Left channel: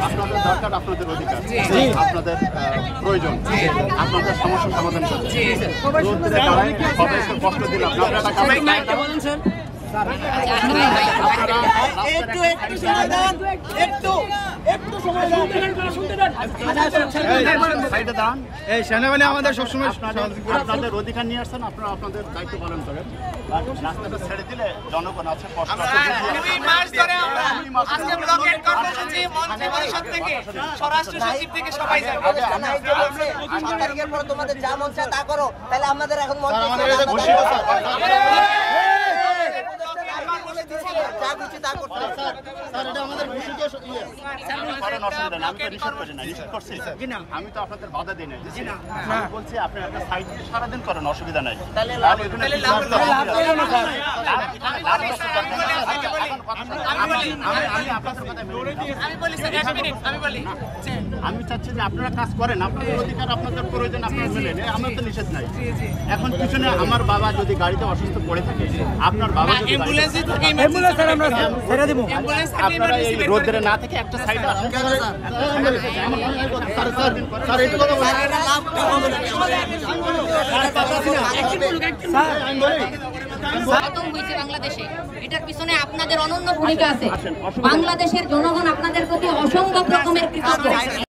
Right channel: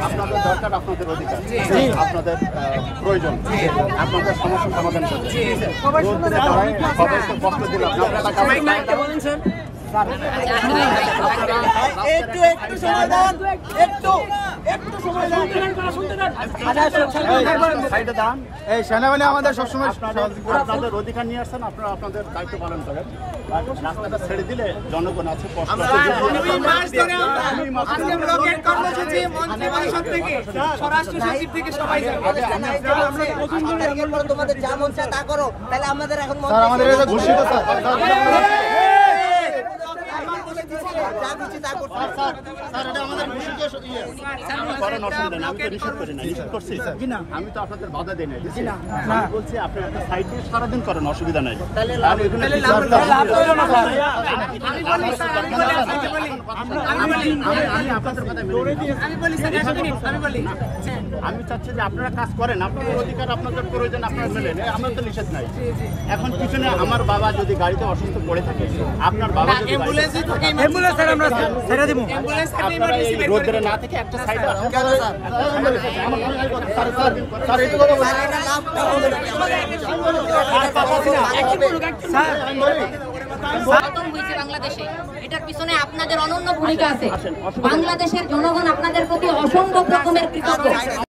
আপনাদের দরকার, আপনাদের অধিকার, আপনাদের প্রয়োজন, আপনাদের সমস্যা সমাধান করতে রোদ্রে দাঁড়ায় সবাইকে কষ্ট দিলে সেনাবাহিনী আমাদের সবসময় আপনাদের অধিকার নিয়ে আসছেন, আপনারা আপনাদের দায়িত্ব পালন করেন। রাস্তাটা ছেড়ে দিলে জনগণ আছে তোমাদের যা মন চায় তা করো, তাহলে আমাদের এখন আমাদের ঘোষিত আমি তো আপনাদের বাধা দিই না, আমি বলছি আপনি একটা সাইডে সারাদিন করেন, অসুবিধা নাই। আমি চাচ্ছি যে আপনারা কাজ করেন, আপনাদের অধিকার, আপনাদের প্রয়োজন আপনারা মেলেন, আমার তো নিষেধ নাই। এখন পিছনে আমার বাবা যদি গাড়িতে অসুস্থ পড়ে থাকে, আপনার বাবা রোদ্রে না থেকে একটা সাইডে বাংলাদেশে এটার পিছনে আপনাদের অনন্য ভূমিকা আছে। বাংলাদেশের জনগণ আপনাদের প্রতি অসংখ্য রকমের কৃতজ্ঞ।